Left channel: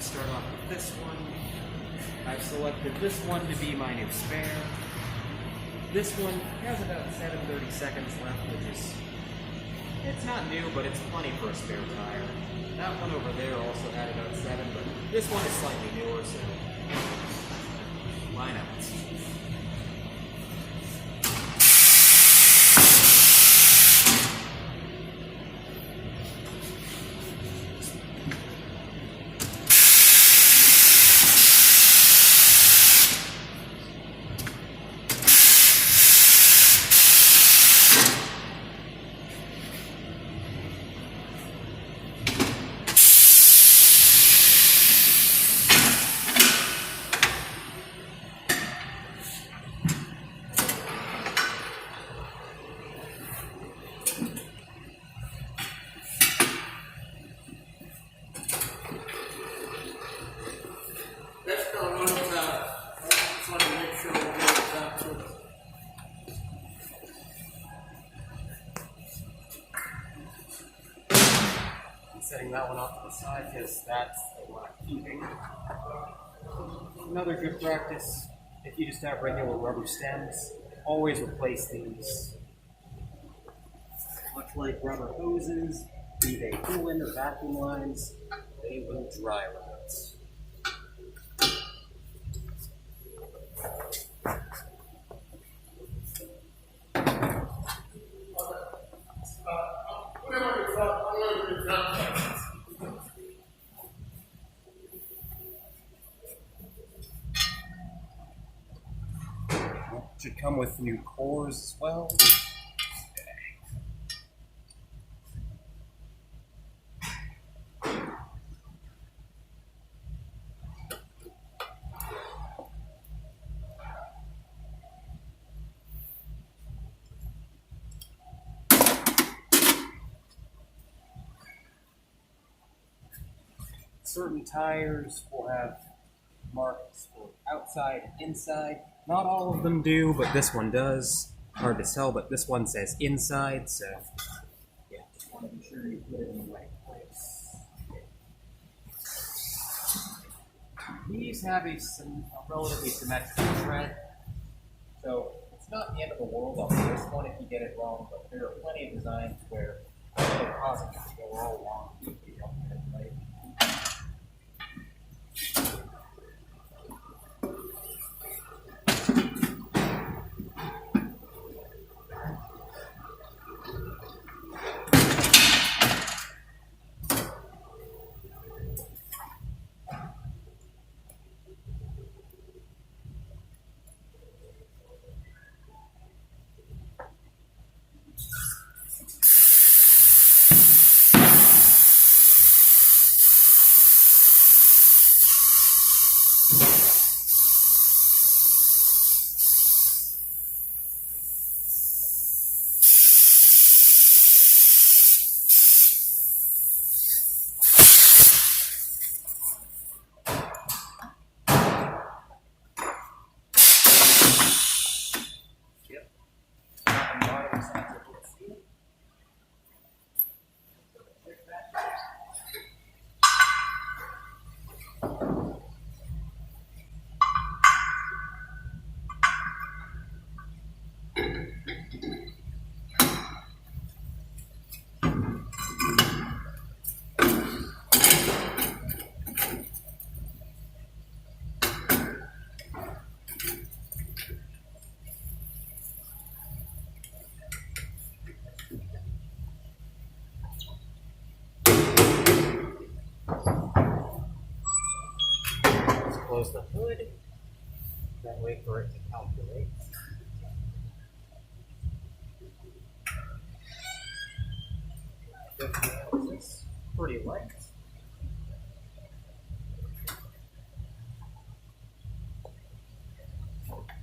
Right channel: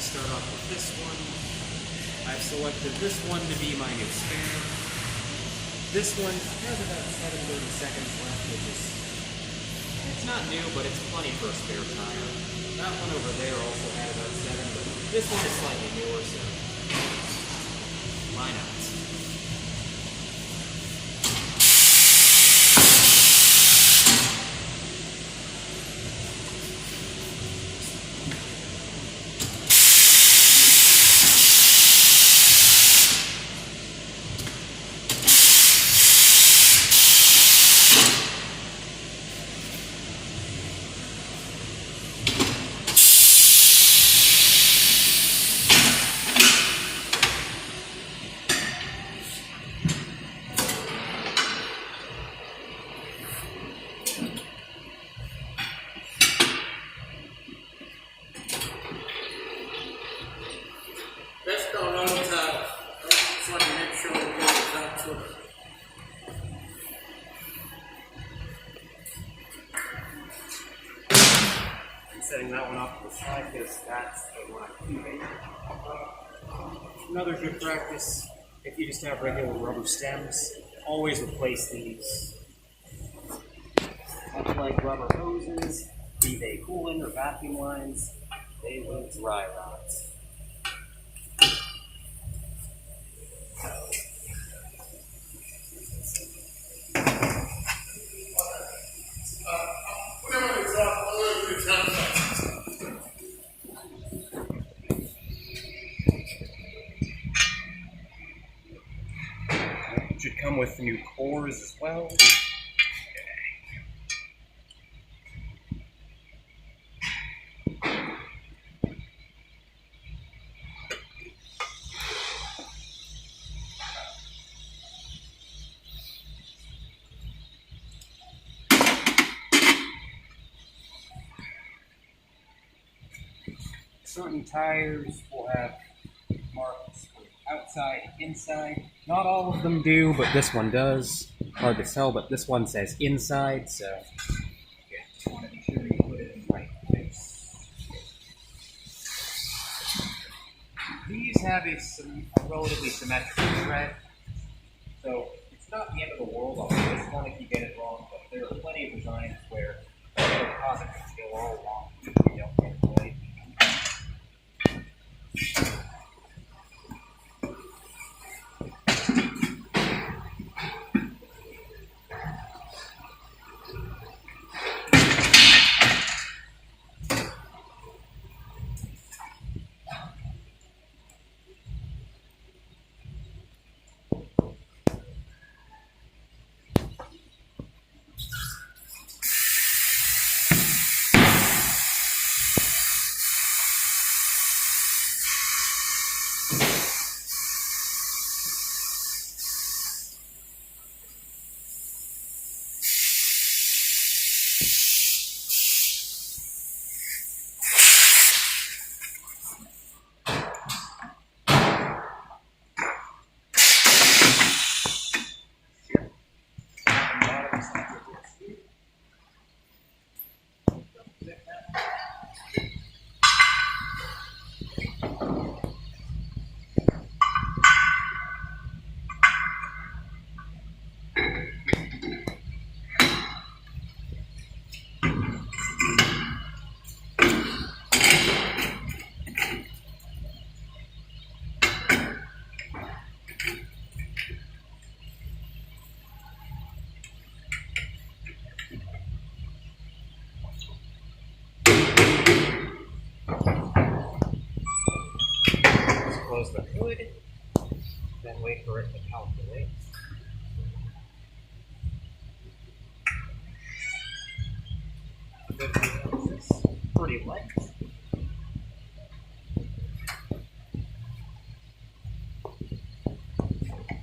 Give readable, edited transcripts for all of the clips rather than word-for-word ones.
to start off with this one. I've selected this one to be my new spare. This one has about 730 seconds left, which is, it's not new, but it's plenty for a spare tire. That one over there also had about 7, but this one is slightly newer, so why not? Setting that one off to the side because that's the one I'm keeping. Another good practice, if you just have regular rubber stems, always replace these. Much like rubber hoses, be they coolant or vacuum lines, they will dry rot. Should come with new cores as well. Certain tires will have marks for outside, inside. Not all of them do, but this one does. Hard to tell, but this one says inside, so yeah, just want to be sure you put it in the right place. These have a relatively symmetrical tread, so it's not the end of the world on this one if you get it wrong, but there are plenty of designs where it'll cause it to go all wrong if you don't get it right. Close the hood, then wait for it to calculate. It's pretty light.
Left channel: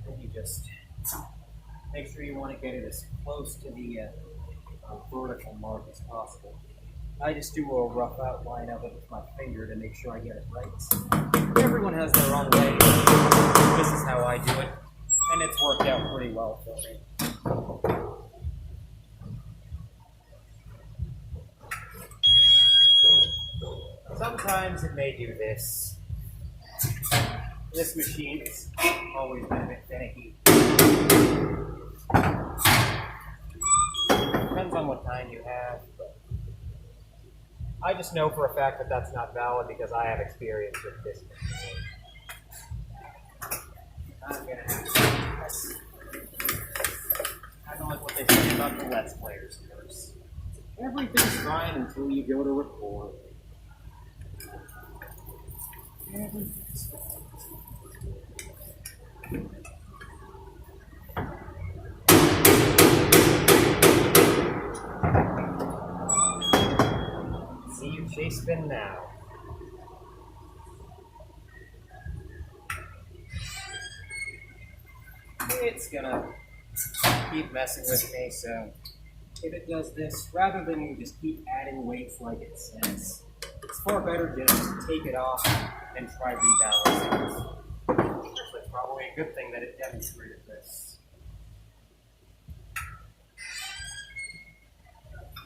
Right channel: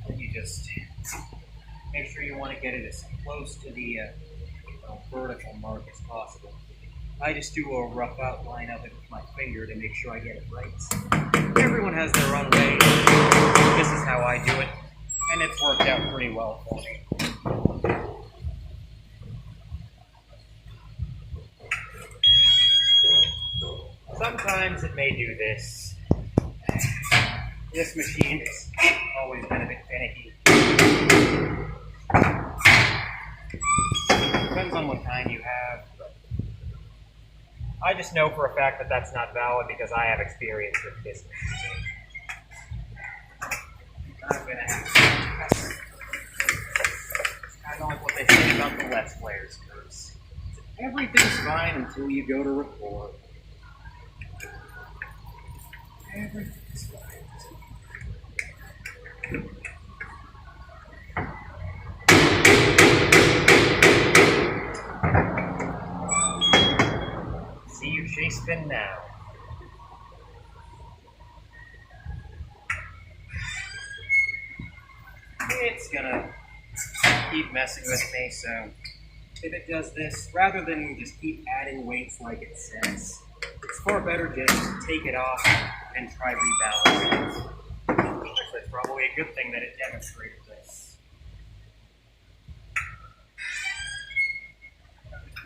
Then you just make sure you want to get it as close to the vertical mark as possible. I just do a rough outline of it with my finger to make sure I get it right. Everyone has their own way. This is how I do it, and it's worked out pretty well for me. So sometimes it may do this. This machine has always been a bit finicky. Depends on what kind you have, but I just know for a fact that that's not valid because I have experience with this machine. I'm gonna have to press. It's kind of like what they say about the Let's Players curse. Everything's fine until you go to record. Everything's fine. See you chase spin now. It's gonna keep messing with me, so if it does this, rather than just keep adding weights like it says, it's far better just to take it off and try rebalancing it. Actually, it's probably a good thing that it demonstrated this.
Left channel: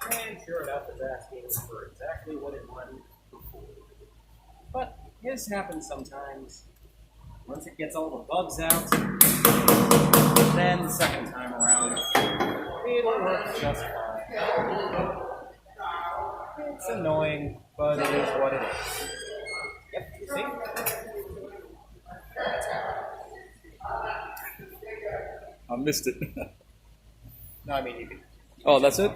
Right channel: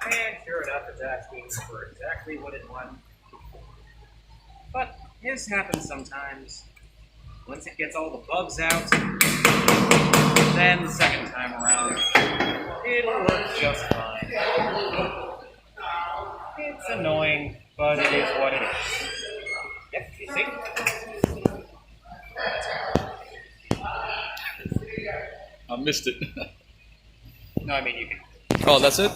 And sure enough, it's asking for exactly what it wanted before. But this happens sometimes. Once it gets all the bugs out, then the second time around, it'll work just fine. It's annoying, but it is what it is. Yep, you see? I missed it. No, I mean you can. Oh, that's it?